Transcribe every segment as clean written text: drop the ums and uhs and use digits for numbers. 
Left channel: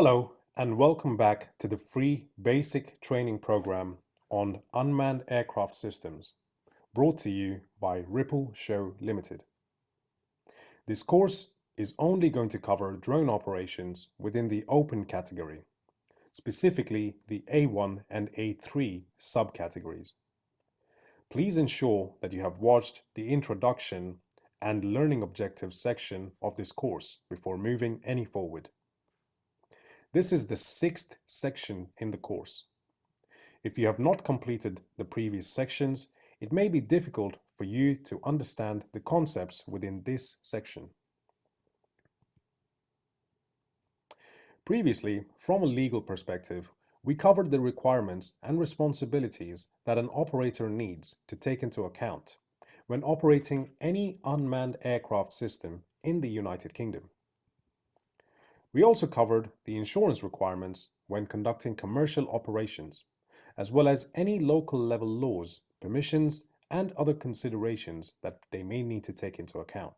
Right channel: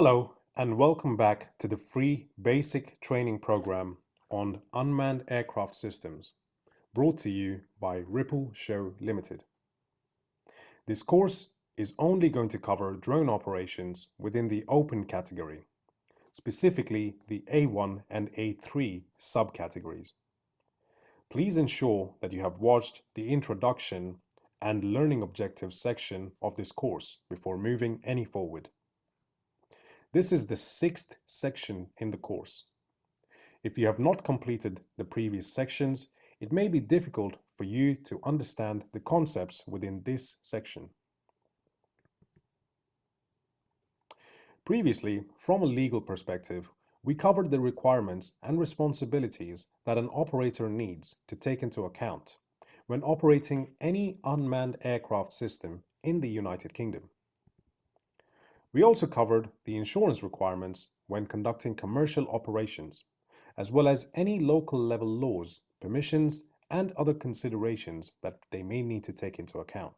Hello, and welcome back to the free basic training program on unmanned aircraft systems, brought to you by Ripple Show Limited. This course is only going to cover drone operations within the open category, specifically the A1 and A3 subcategories. Please ensure that you have watched the introduction and learning objectives section of this course before moving any forward. This is the sixth section in the course. If you have not completed the previous sections, it may be difficult for you to understand the concepts within this section. Previously, from a legal perspective, we covered the requirements and responsibilities that an operator needs to take into account when operating any unmanned aircraft system in the United Kingdom. We also covered the insurance requirements when conducting commercial operations, as well as any local level laws, permissions, and other considerations that they may need to take into account.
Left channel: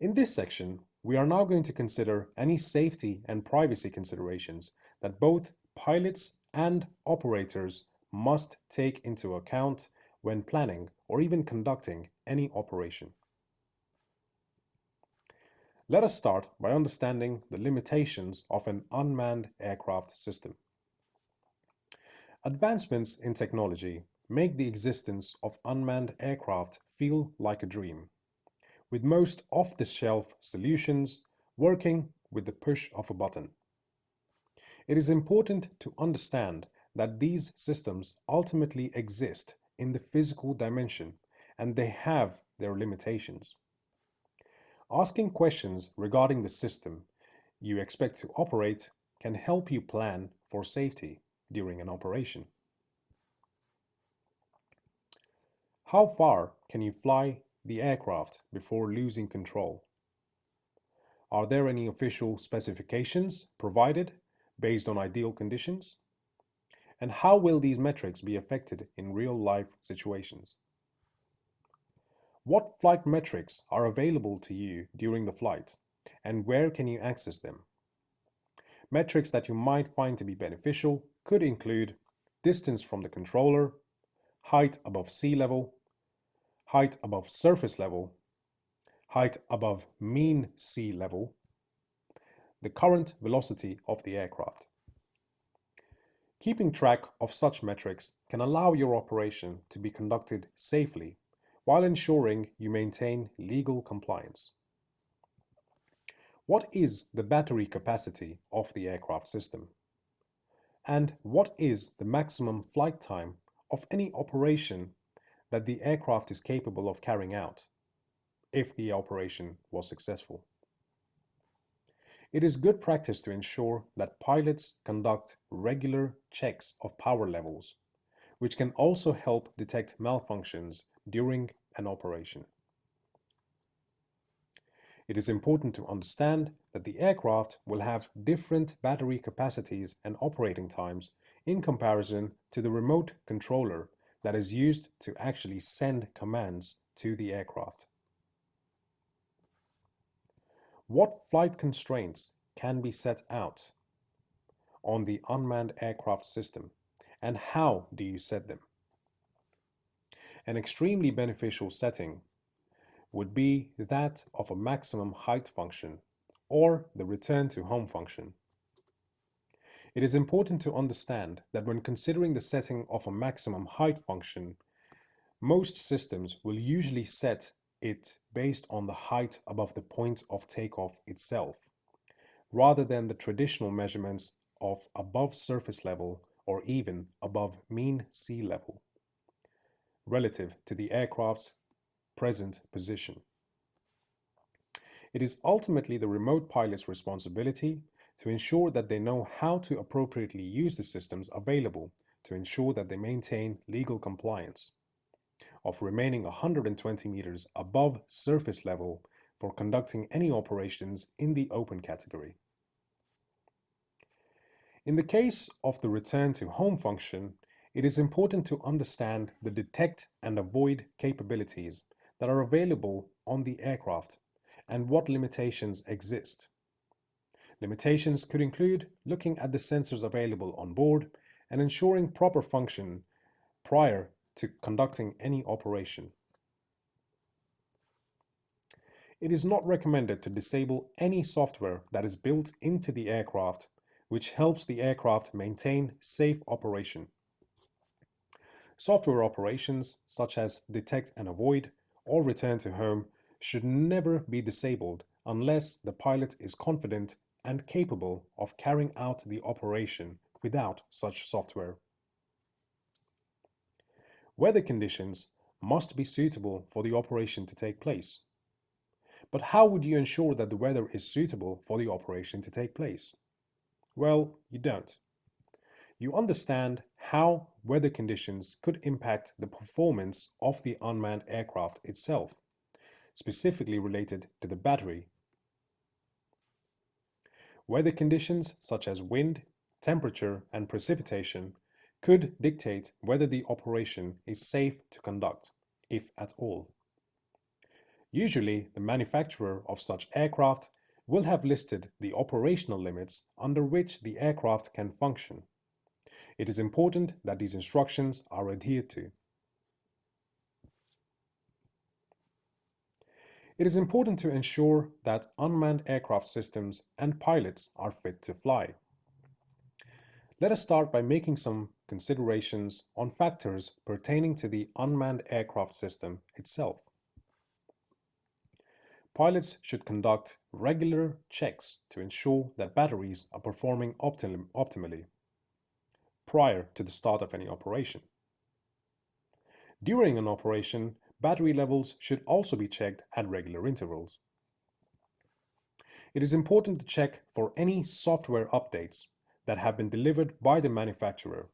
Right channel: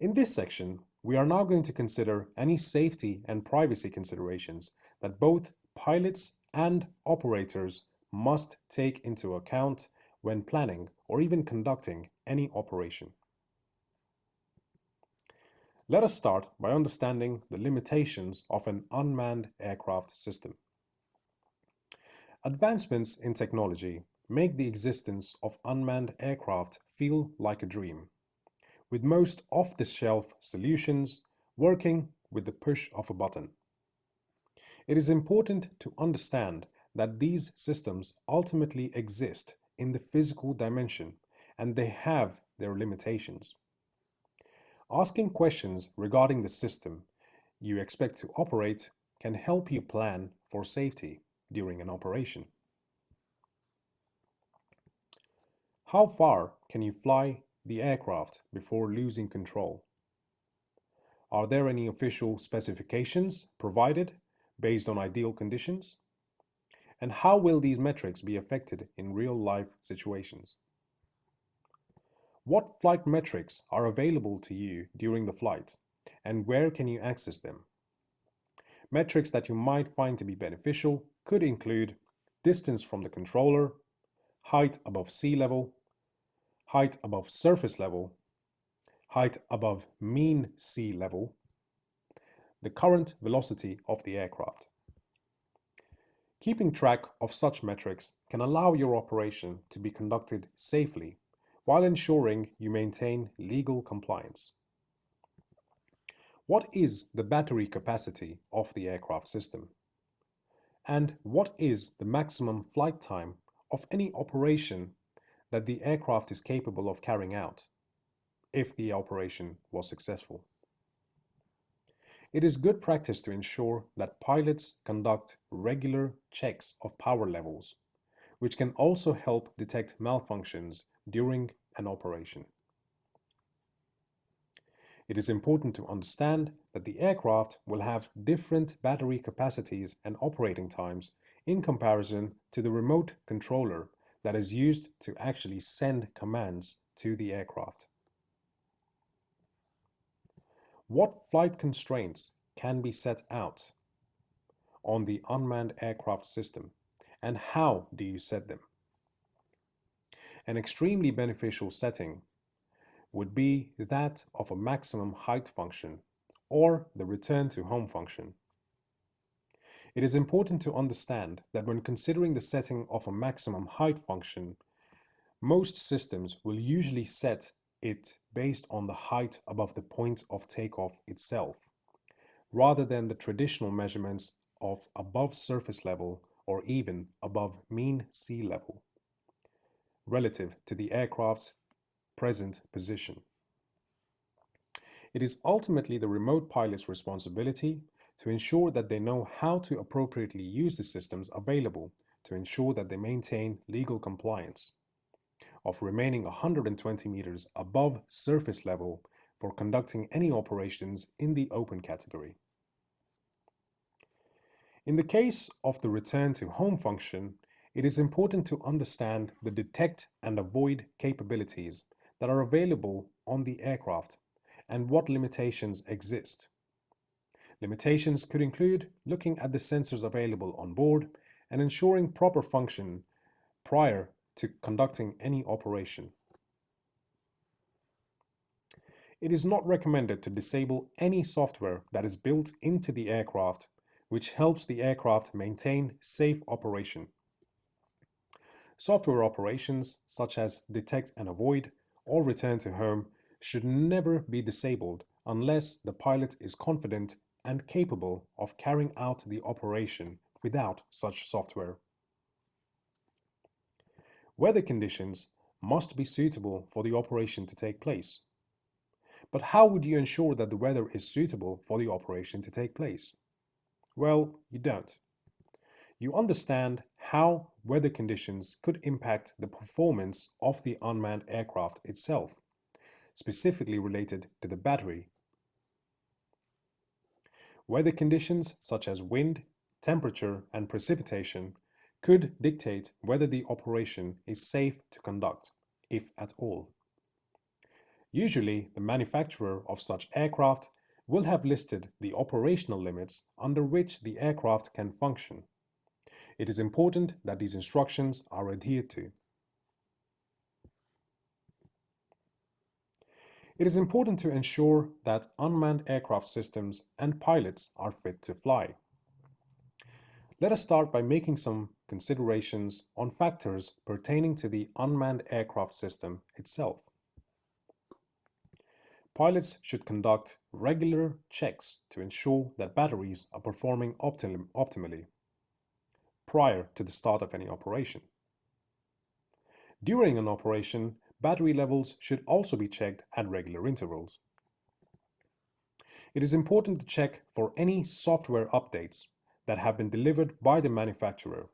In this section, we are now going to consider any safety and privacy considerations that both pilots and operators must take into account when planning or even conducting any operation. Let us start by understanding the limitations of an unmanned aircraft system. Advancements in technology make the existence of unmanned aircraft feel like a dream, with most off-the-shelf solutions working with the push of a button. It is important to understand that these systems ultimately exist in the physical dimension and they have their limitations. Asking questions regarding the system you expect to operate can help you plan for safety during an operation. How far can you fly the aircraft before losing control? Are there any official specifications provided based on ideal conditions? And how will these metrics be affected in real-life situations? What flight metrics are available to you during the flight, and where can you access them? Metrics that you might find to be beneficial could include distance from the controller, height above sea level, height above surface level, height above mean sea level, the current velocity of the aircraft. Keeping track of such metrics can allow your operation to be conducted safely while ensuring you maintain legal compliance. What is the battery capacity of the aircraft system? And what is the maximum flight time of any operation that the aircraft is capable of carrying out, if the operation was successful? It is good practice to ensure that pilots conduct regular checks of power levels, which can also help detect malfunctions during an operation. It is important to understand that the aircraft will have different battery capacities and operating times in comparison to the remote controller that is used to actually send commands to the aircraft. What flight constraints can be set out on the unmanned aircraft system, and how do you set them? An extremely beneficial setting would be that of a maximum height function or the return to home function. It is important to understand that when considering the setting of a maximum height function, most systems will usually set it based on the height above the point of takeoff itself, rather than the traditional measurements of above surface level or even above mean sea level, relative to the aircraft's present position. It is ultimately the remote pilot's responsibility to ensure that they know how to appropriately use the systems available to ensure that they maintain legal compliance of remaining 120 meters above surface level for conducting any operations in the open category. In the case of the return to home function, it is important to understand the detect and avoid capabilities that are available on the aircraft and what limitations exist. Limitations could include looking at the sensors available on board and ensuring proper function prior to conducting any operation. It is not recommended to disable any software that is built into the aircraft, which helps the aircraft maintain safe operation. Software operations such as detect and avoid or return to home should never be disabled unless the pilot is confident and capable of carrying out the operation without such software. Weather conditions must be suitable for the operation to take place. But how would you ensure that the weather is suitable for the operation to take place? Well, you don't. You understand how weather conditions could impact the performance of the unmanned aircraft itself, specifically related to the battery. Weather conditions such as wind, temperature, and precipitation could dictate whether the operation is safe to conduct, if at all. Usually, the manufacturer of such aircraft will have listed the operational limits under which the aircraft can function. It is important that these instructions are adhered to. It is important to ensure that unmanned aircraft systems and pilots are fit to fly. Let us start by making some considerations on factors pertaining to the unmanned aircraft system itself. Pilots should conduct regular checks to ensure that batteries are performing optimally prior to the start of any operation. During an operation, battery levels should also be checked at regular intervals. It is important to check for any software updates that have been delivered by the manufacturer,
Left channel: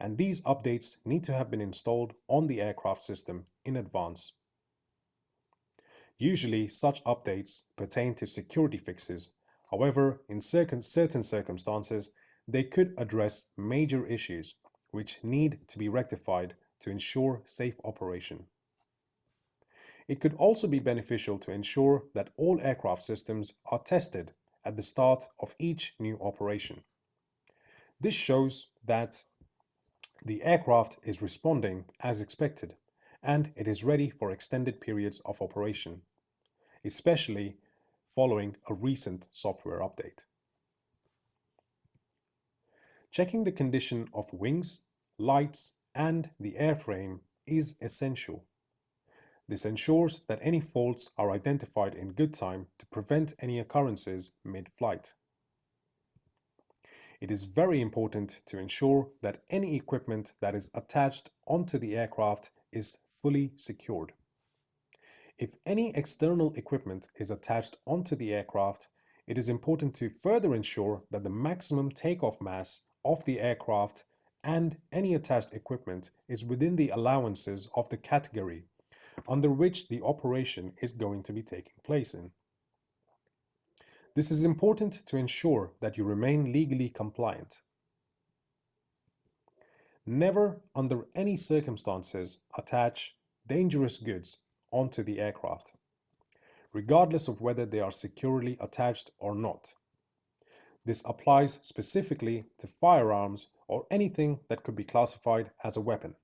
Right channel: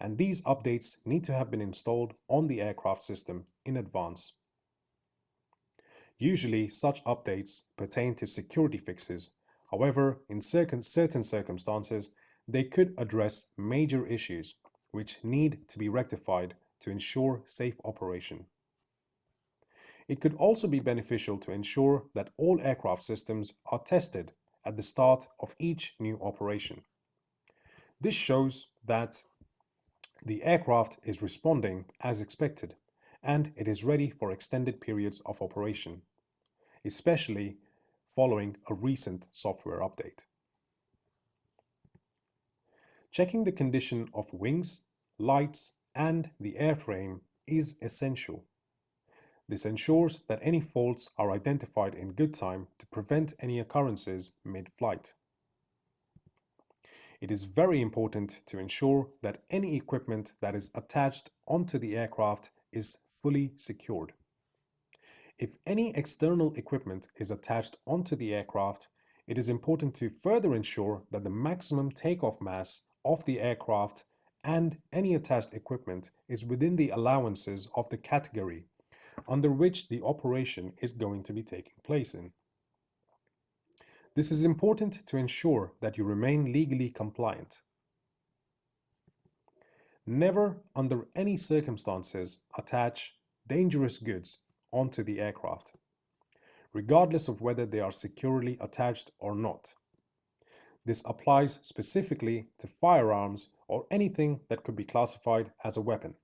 and these updates need to have been installed on the aircraft system in advance. Usually, such updates pertain to security fixes. However, in certain circumstances, they could address major issues which need to be rectified to ensure safe operation. It could also be beneficial to ensure that all aircraft systems are tested at the start of each new operation. This shows that the aircraft is responding as expected and it is ready for extended periods of operation, especially following a recent software update. Checking the condition of wings, lights, and the airframe is essential. This ensures that any faults are identified in good time to prevent any occurrences mid-flight. It is very important to ensure that any equipment that is attached onto the aircraft is fully secured. If any external equipment is attached onto the aircraft, it is important to further ensure that the maximum takeoff mass of the aircraft and any attached equipment is within the allowances of the category under which the operation is going to be taking place in. This is important to ensure that you remain legally compliant. Never, under any circumstances, attach dangerous goods onto the aircraft, regardless of whether they are securely attached or not. This applies specifically to firearms or anything that could be classified as a weapon.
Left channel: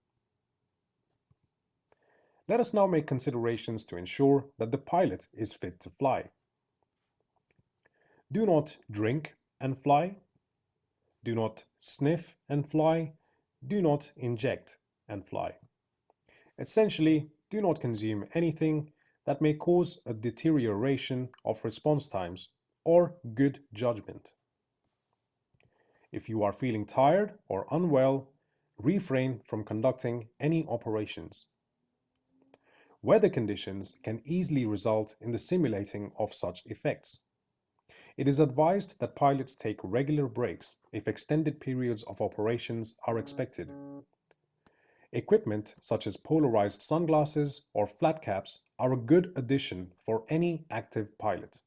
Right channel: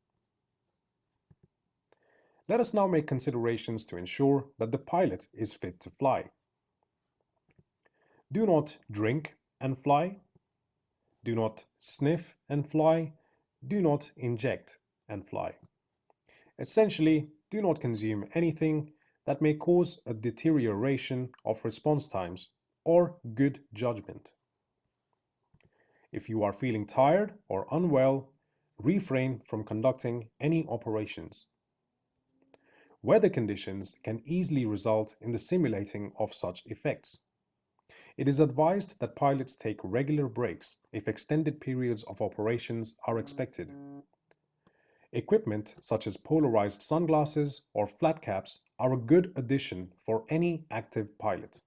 Let us now make considerations to ensure that the pilot is fit to fly. Do not drink and fly. Do not sniff and fly. Do not inject and fly. Essentially, do not consume anything that may cause a deterioration of response times or good judgment. If you are feeling tired or unwell, refrain from conducting any operations. Weather conditions can easily result in the simulating of such effects. It is advised that pilots take regular breaks if extended periods of operations are expected. Equipment such as polarized sunglasses or flat caps are a good addition for any active pilot.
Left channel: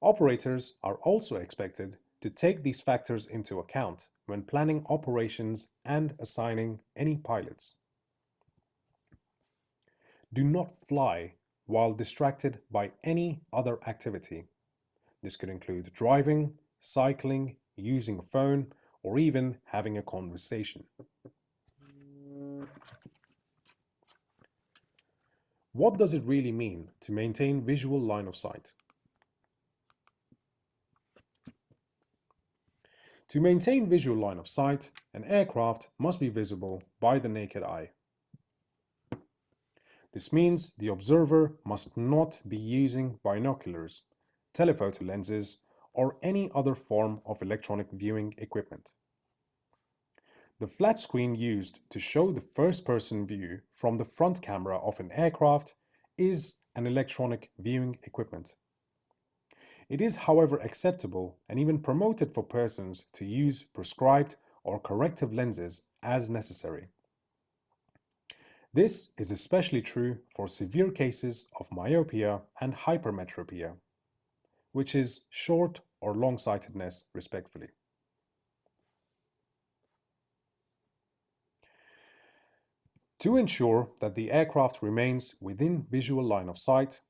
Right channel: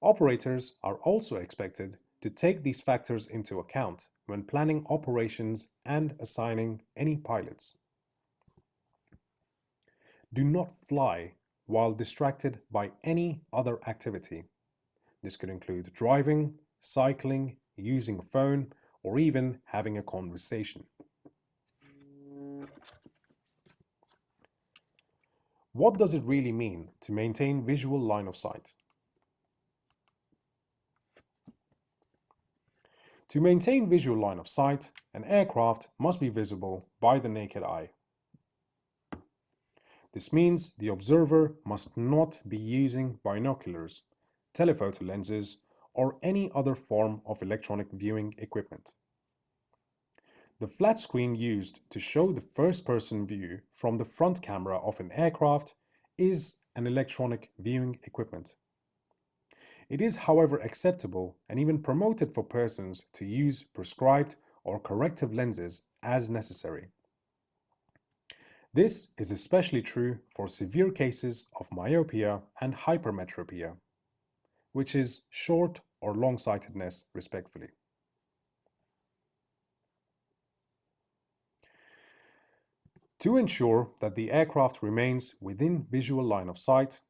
Operators are also expected to take these factors into account when planning operations and assigning any pilots. Do not fly while distracted by any other activity. This could include driving, cycling, using a phone, or even having a conversation. What does it really mean to maintain visual line of sight? To maintain visual line of sight, an aircraft must be visible by the naked eye. This means the observer must not be using binoculars, telephoto lenses, or any other form of electronic viewing equipment. The flat screen used to show the first-person view from the front camera of an aircraft is an electronic viewing equipment. It is, however, acceptable and even promoted for persons to use prescribed or corrective lenses as necessary. This is especially true for severe cases of myopia and hypermetropia, which is short or long-sightedness respectively. To ensure that the aircraft remains within visual line of sight,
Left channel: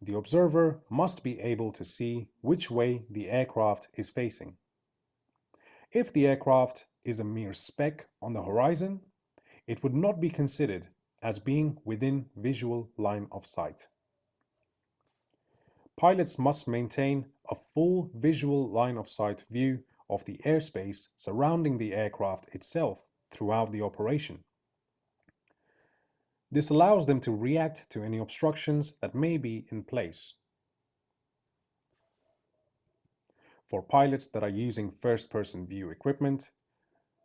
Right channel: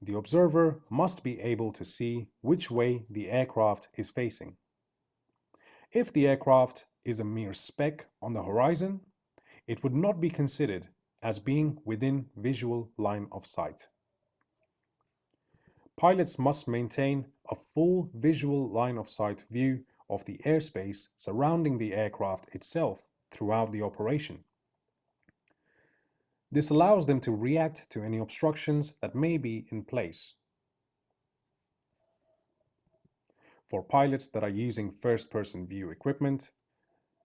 the observer must be able to see which way the aircraft is facing. If the aircraft is a mere speck on the horizon, it would not be considered as being within visual line of sight. Pilots must maintain a full visual line of sight view of the airspace surrounding the aircraft itself throughout the operation. This allows them to react to any obstructions that may be in place. For pilots that are using first-person view equipment,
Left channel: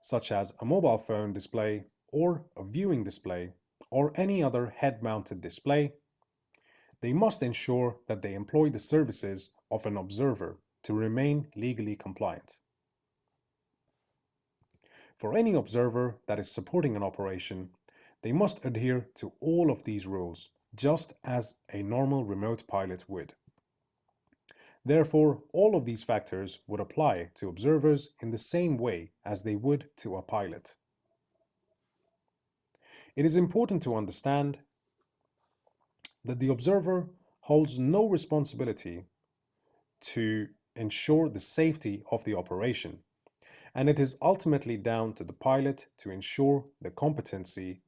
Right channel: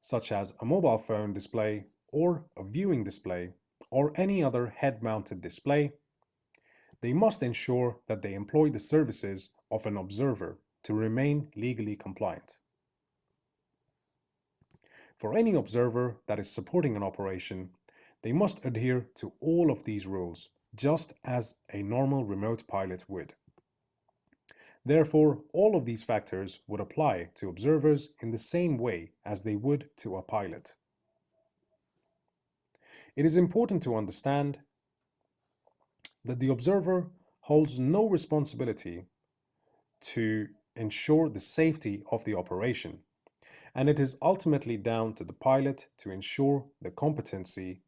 such as a mobile phone display or a viewing display or any other head-mounted display, they must ensure that they employ the services of an observer to remain legally compliant. For any observer that is supporting an operation, they must adhere to all of these rules, just as a normal remote pilot would. Therefore, all of these factors would apply to observers in the same way as they would to a pilot. It is important to understand that the observer holds no responsibility to ensure the safety of the operation, and it is ultimately down to the pilot to ensure the competency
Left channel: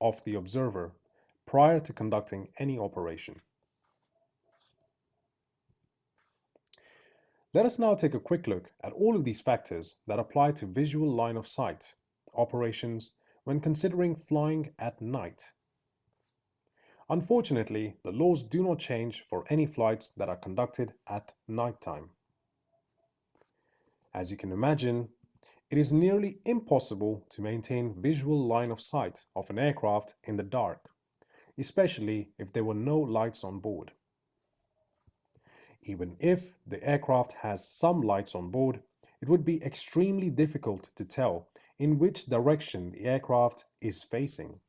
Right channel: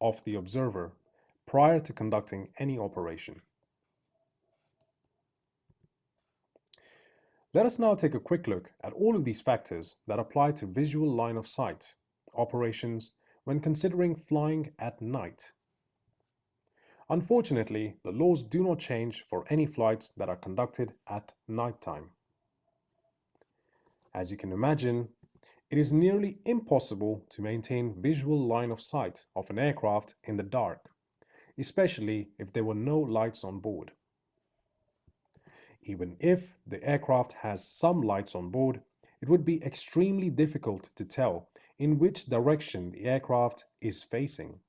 of the observer prior to conducting any operation. Let us now take a quick look at all of these factors that apply to visual line of sight operations when considering flying at night. Unfortunately, the laws do not change for any flights that are conducted at nighttime. As you can imagine, it is nearly impossible to maintain visual line of sight of an aircraft in the dark, especially if there were no lights on board. Even if the aircraft has some lights on board, it would be extremely difficult to tell in which direction the aircraft is facing.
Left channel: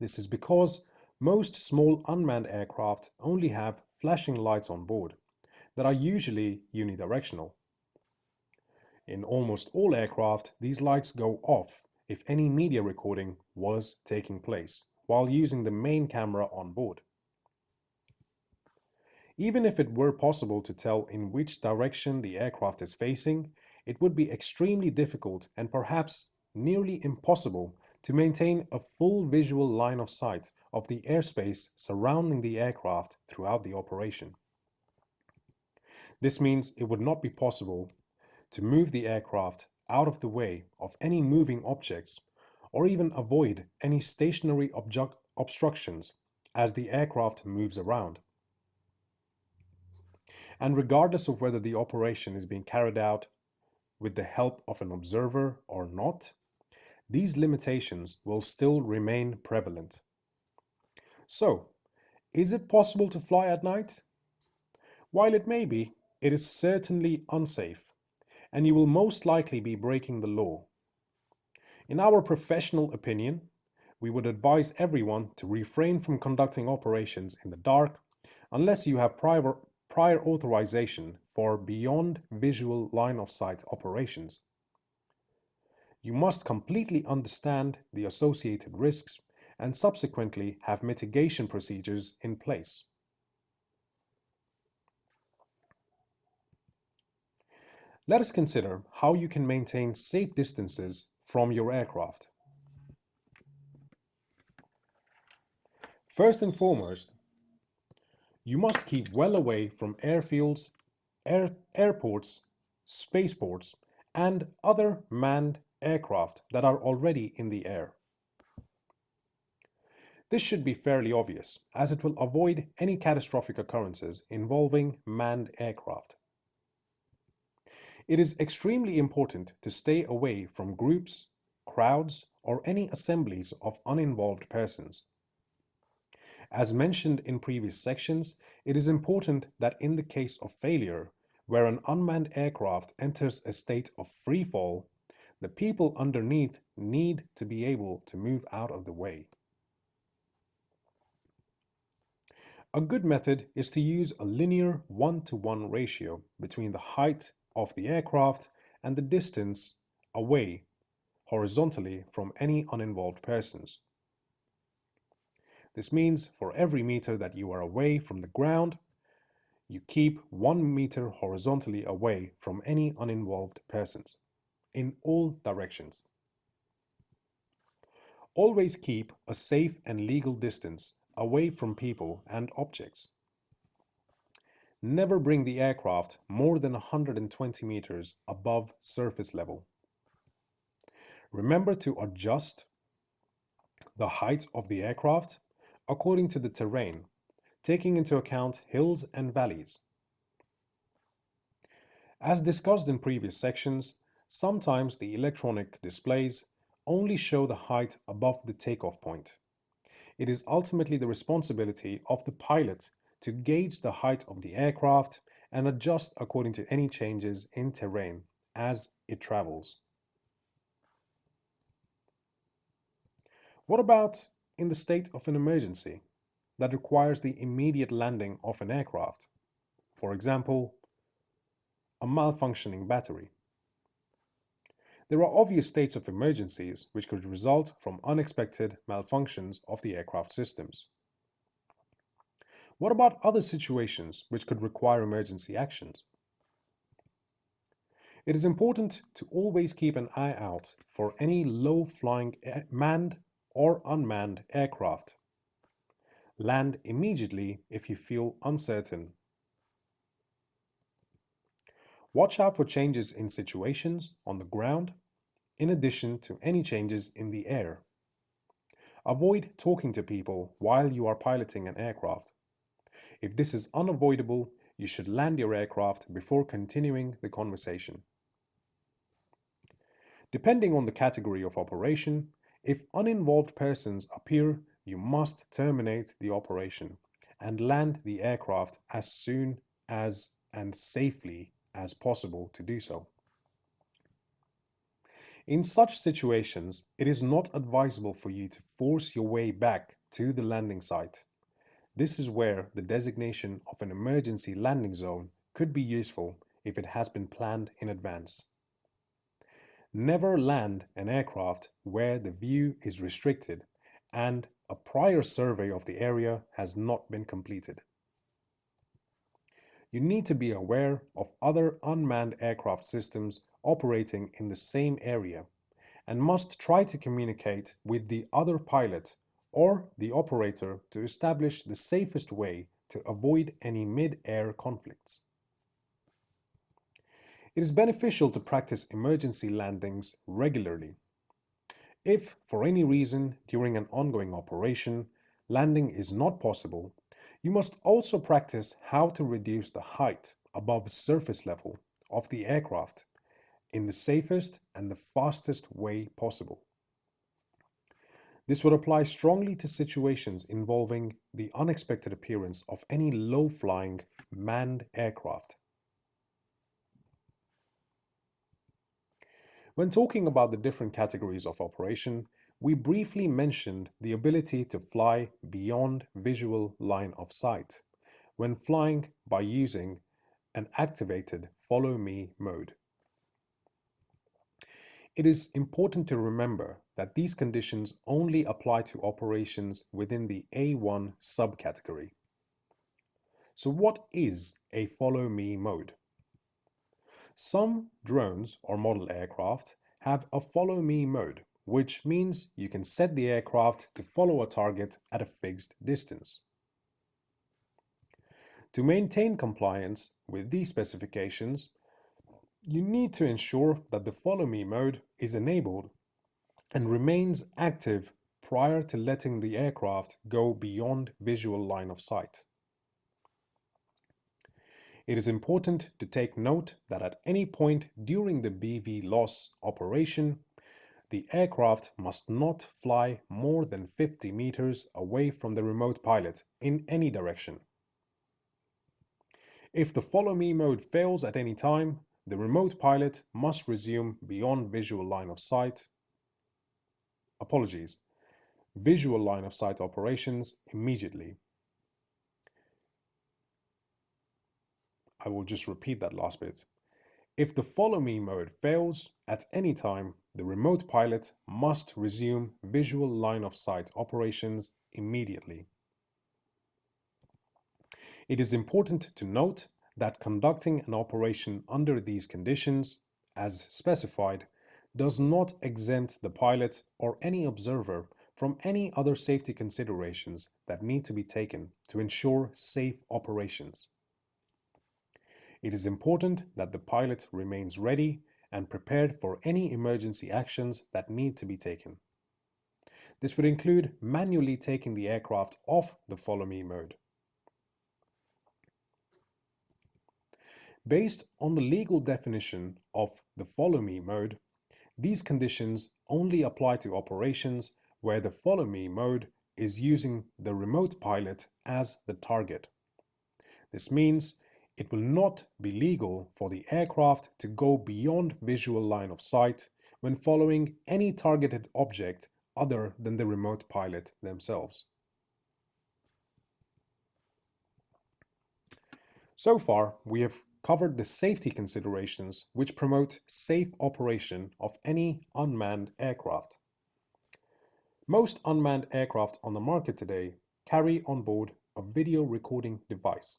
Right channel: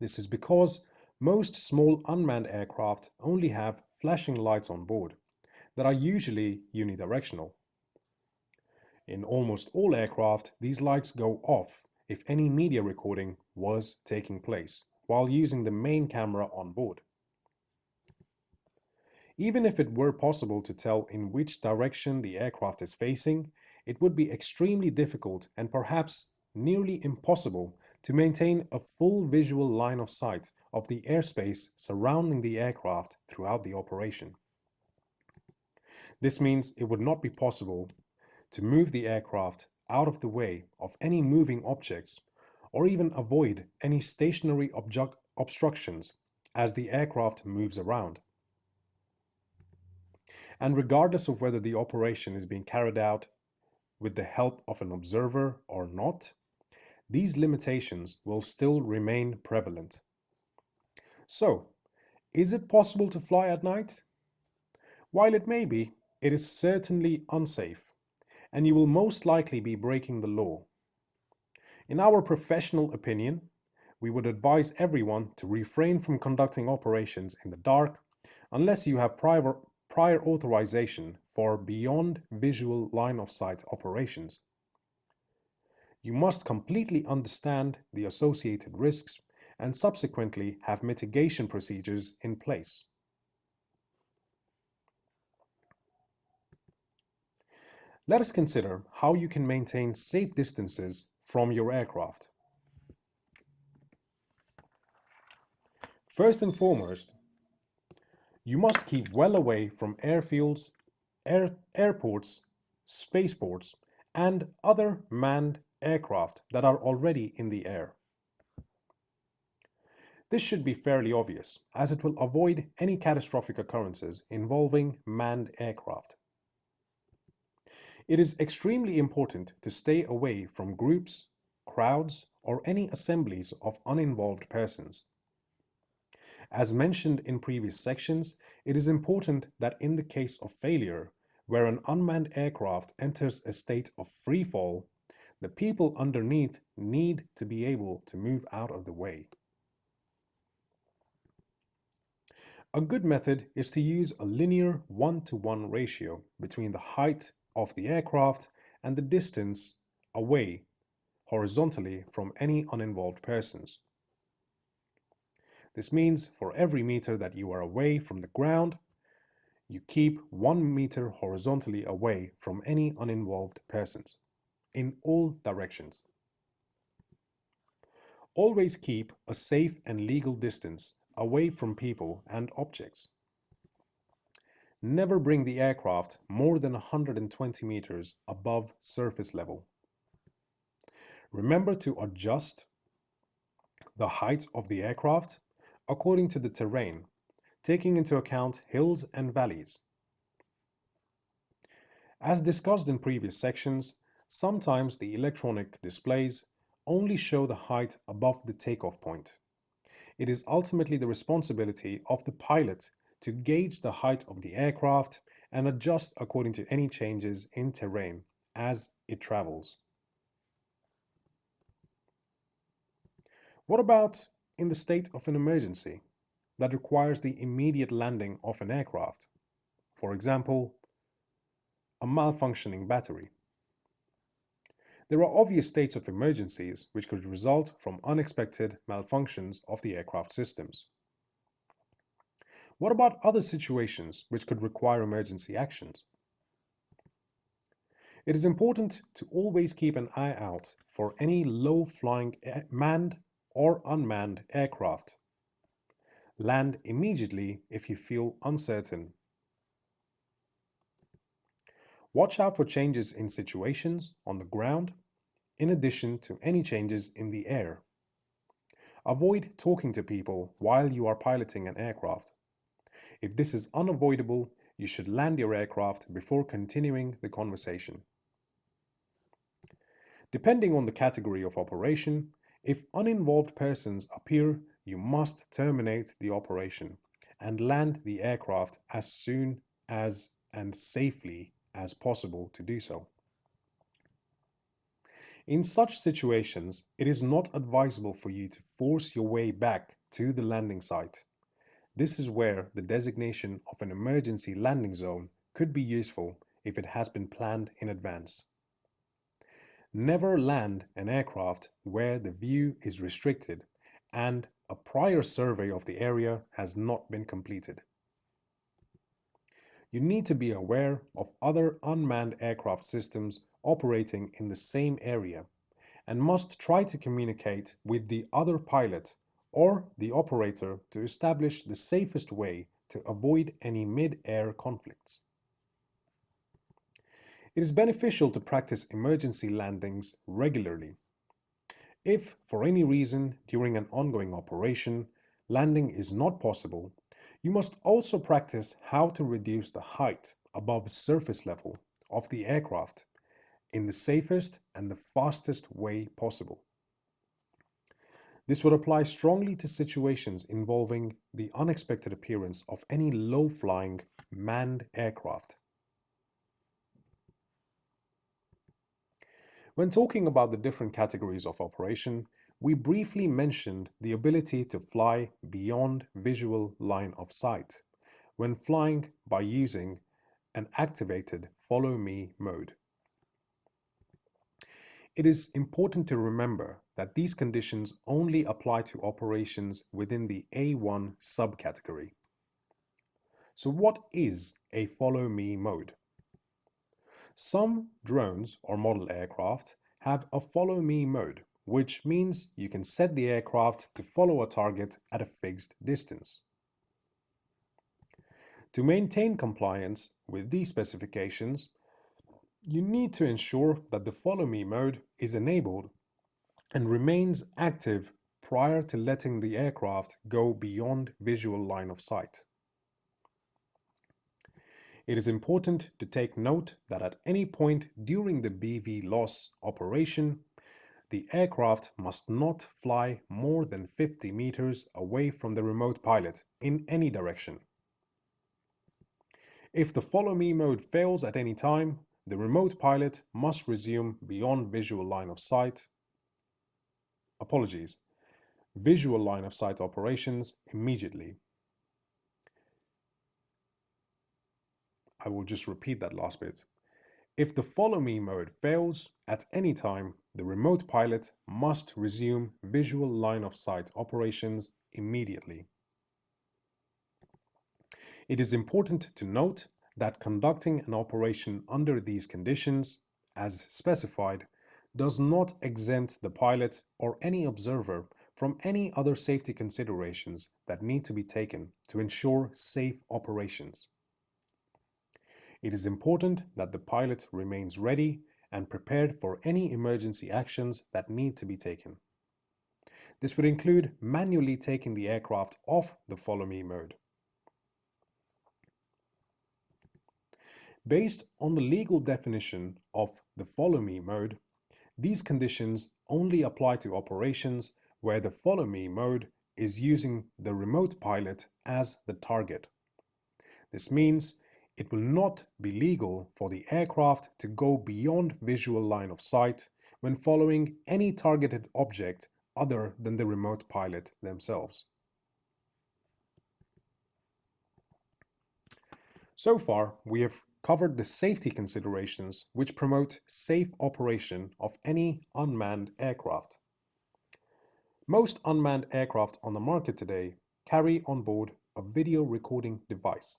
This is because most small unmanned aircraft only have flashing lights on board that are usually unidirectional. In almost all aircraft, these lights go off if any media recording was taking place while using the main camera on board. Even if it were possible to tell in which direction the aircraft is facing, it would be extremely difficult and perhaps nearly impossible to maintain a full visual line of sight of the airspace surrounding the aircraft throughout the operation. This means it would not be possible to move the aircraft out of the way of any moving objects or even avoid any stationary obstructions as the aircraft moves around. And regardless of whether the operation is being carried out with the help of an observer or not, these limitations will still remain prevalent. So, is it possible to fly at night? While it may be, it is certainly unsafe, and you will most likely be breaking the law. In our professional opinion, we would advise everyone to refrain from conducting operations in the dark unless you have prior authorization for beyond visual line of sight operations. You must completely understand the associated risks and subsequently have mitigation procedures in place. Let us consider how you can maintain safe distances from your aircraft. First and foremost, you must keep well away from airfields, airports, spaceports, and other manned aircraft that are already in the air. This should be fairly obvious, as it will avoid any catastrophic occurrences involving manned aircraft. It is extremely important to stay away from groups, crowds, or any assemblies of uninvolved persons. As mentioned in previous sections, it is important that in the case of failure, where an unmanned aircraft enters a state of free fall, the people underneath need to be able to move out of the way. A good method is to use a linear 1-to-1 ratio between the height of the aircraft and the distance away horizontally from any uninvolved persons. This means for every meter that you are away from the ground, you keep 1 meter horizontally away from any uninvolved persons in all directions. Always keep a safe and legal distance away from people and objects. Never bring the aircraft more than 120 meters above surface level. Remember to adjust the height of the aircraft according to the terrain, taking into account hills and valleys. As discussed in previous sections, sometimes the electronic displays only show the height above the takeoff point. It is ultimately the responsibility of the pilot to gauge the height of the aircraft and adjust according to any changes in terrain as it travels. What about in the state of an emergency that requires the immediate landing of an aircraft? For example, a malfunctioning battery. There are obvious states of emergencies which could result from unexpected malfunctions of the aircraft systems. What about other situations which could require emergency actions? It is important to always keep an eye out for any low-flying manned or unmanned aircraft. Land immediately if you feel uncertain. Watch out for changes in situations on the ground, in addition to any changes in the air. Avoid talking to people while you are piloting an aircraft. If this is unavoidable, you should land your aircraft before continuing the conversation. Depending on the category of operation, if uninvolved persons appear, you must terminate the operation and land the aircraft as soon as and safely as possible to do so. In such situations, it is not advisable for you to force your way back to the landing site. This is where the designation of an emergency landing zone could be useful if it has been planned in advance. Never land an aircraft where the view is restricted and a prior survey of the area has not been completed. You need to be aware of other unmanned aircraft systems operating in the same area and must try to communicate with the other pilot or the operator to establish the safest way to avoid any mid-air conflicts. It is beneficial to practice emergency landings regularly. If, for any reason, during an ongoing operation, landing is not possible, you must also practice how to reduce the height above surface level of the aircraft in the safest and the fastest way possible. This would apply strongly to situations involving the unexpected appearance of any low-flying manned aircraft. When talking about the different categories of operation, we briefly mentioned the ability to fly beyond visual line of sight when flying by using an activated follow me mode. It is important to remember that these conditions only apply to operations within the A1 subcategory. So what is a follow me mode? Some drones or model aircraft have a follow me mode, which means you can set the aircraft to follow a target at a fixed distance. To maintain compliance with these specifications, you need to ensure that the follow me mode is enabled and remains active prior to letting the aircraft go beyond visual line of sight. It is important to take note that at any point during the BV loss operation, the aircraft must not fly more than 50 meters away from the remote pilot in any direction. If the follow me mode fails at any time, the remote pilot must resume beyond visual line of sight. Visual line of sight operations immediately. I will just repeat that last bit. If the follow me mode fails at any time, the remote pilot must resume visual line of sight operations immediately. It is important to note that conducting an operation under these conditions, as specified, does not exempt the pilot or any observer from any other safety considerations that need to be taken to ensure safe operations. It is important that the pilot remains ready and prepared for any emergency actions that need to be taken. This would include manually taking the aircraft off the follow me mode. Based on the legal definition of the follow me mode, these conditions only apply to operations where the follow me mode is using the remote pilot as the target. This means it will not be legal for the aircraft to go beyond visual line of sight when following any targeted object other than the remote pilot themselves. So far, we have covered the safety considerations which promote safe operation of any unmanned aircraft. Most unmanned aircraft on the market today carry on board a video recording device.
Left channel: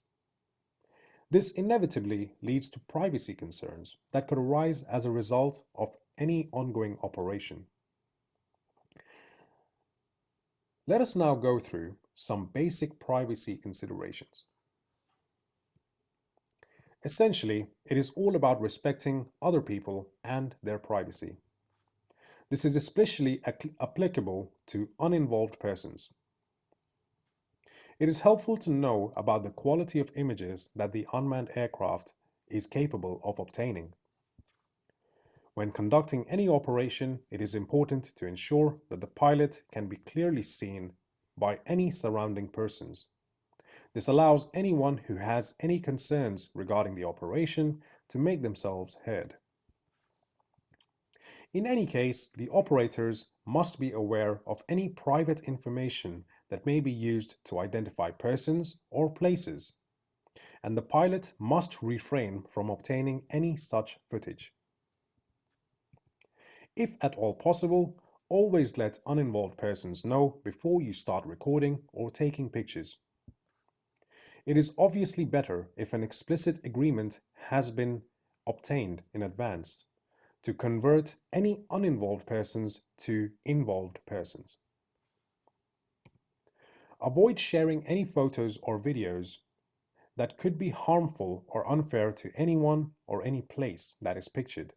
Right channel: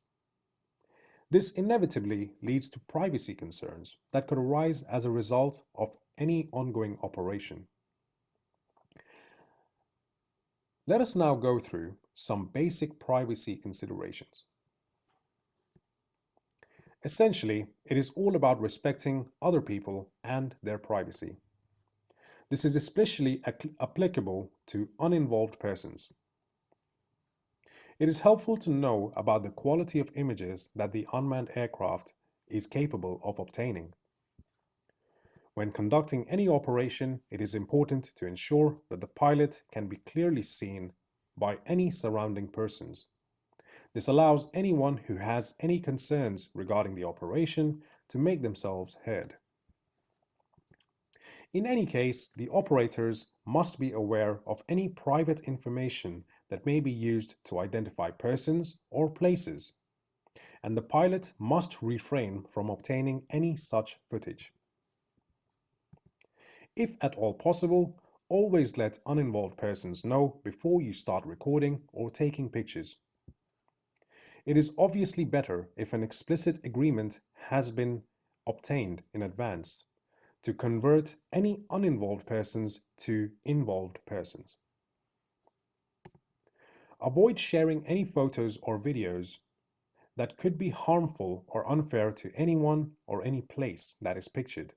This inevitably leads to privacy concerns that could arise as a result of any ongoing operation. Let us now go through some basic privacy considerations. Essentially, it is all about respecting other people and their privacy. This is especially applicable to uninvolved persons. It is helpful to know about the quality of images that the unmanned aircraft is capable of obtaining. When conducting any operation, it is important to ensure that the pilot can be clearly seen by any surrounding persons. This allows anyone who has any concerns regarding the operation to make themselves heard. In any case, the operators must be aware of any private information that may be used to identify persons or places, and the pilot must refrain from obtaining any such footage. If at all possible, always let uninvolved persons know before you start recording or taking pictures. It is obviously better if an explicit agreement has been obtained in advance to convert any uninvolved persons to involved persons. Avoid sharing any photos or videos that could be harmful or unfair to anyone or any place that is pictured.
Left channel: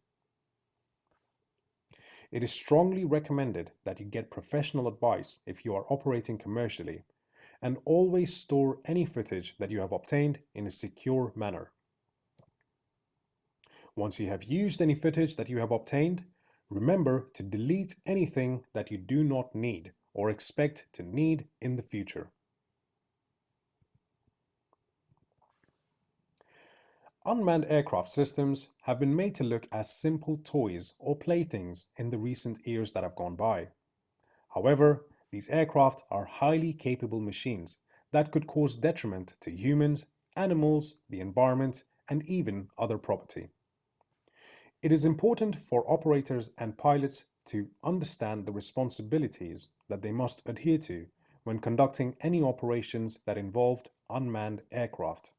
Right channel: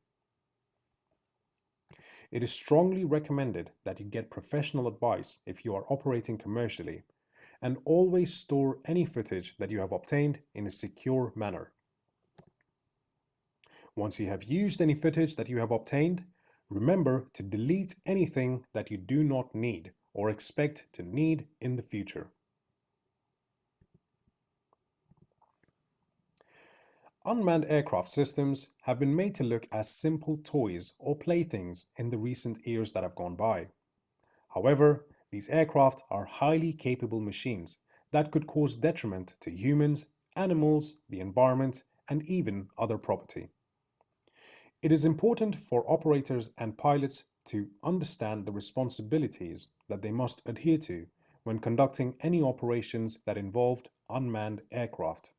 It is strongly recommended that you get professional advice if you are operating commercially, and always store any footage that you have obtained in a secure manner. Once you have used any footage that you have obtained, remember to delete anything that you do not need or expect to need in the future. Unmanned aircraft systems have been made to look as simple toys or playthings in the recent years that have gone by. However, these aircraft are highly capable machines that could cause detriment to humans, animals, the environment, and even other property. It is important for operators and pilots to understand the responsibilities that they must adhere to when conducting any operations that involved unmanned aircraft.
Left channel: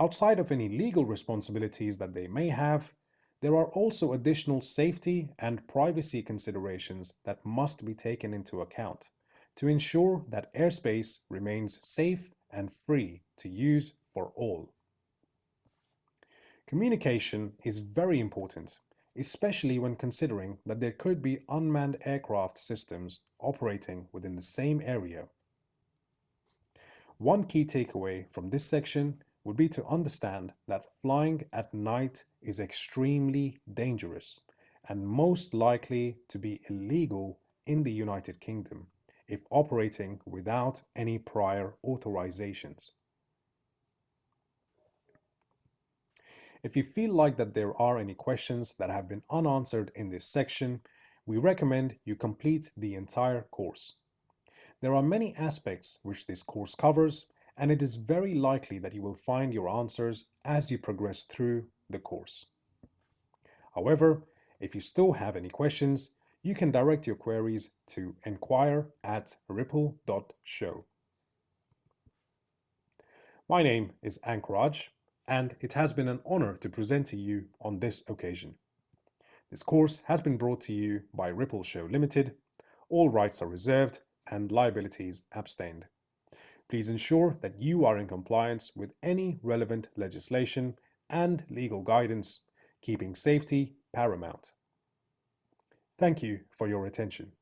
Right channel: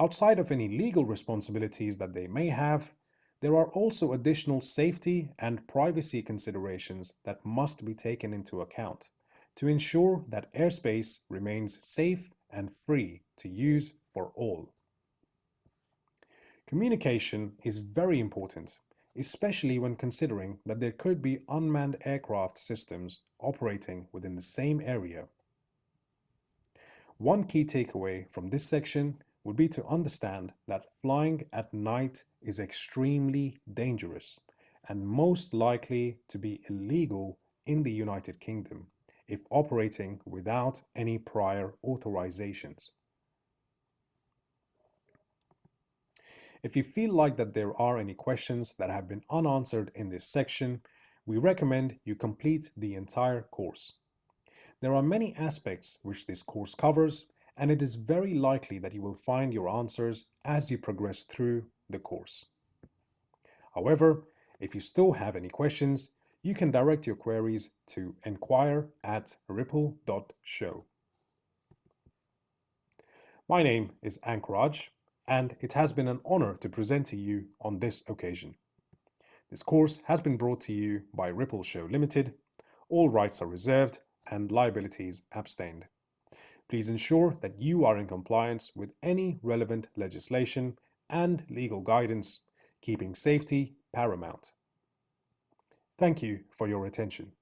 Outside of any legal responsibilities that they may have, there are also additional safety and privacy considerations that must be taken into account to ensure that airspace remains safe and free to use for all. Communication is very important, especially when considering that there could be unmanned aircraft systems operating within the same area. One key takeaway from this section would be to understand that flying at night is extremely dangerous and most likely to be illegal in the United Kingdom if operating without any prior authorizations. If you feel like that there are any questions that have been unanswered in this section, we recommend you complete the entire course. There are many aspects which this course covers, and it is very likely that you will find your answers as you progress through the course. However, if you still have any questions, you can direct your queries to enquire@ripple.show. My name is Anchorage, and it has been an honor to present to you on this occasion. This course has been brought to you by Ripple Show Limited. All rights are reserved and liabilities abstained. Please ensure that you are in compliance with any relevant legislation and legal guidance, keeping safety paramount. Thank you for your attention.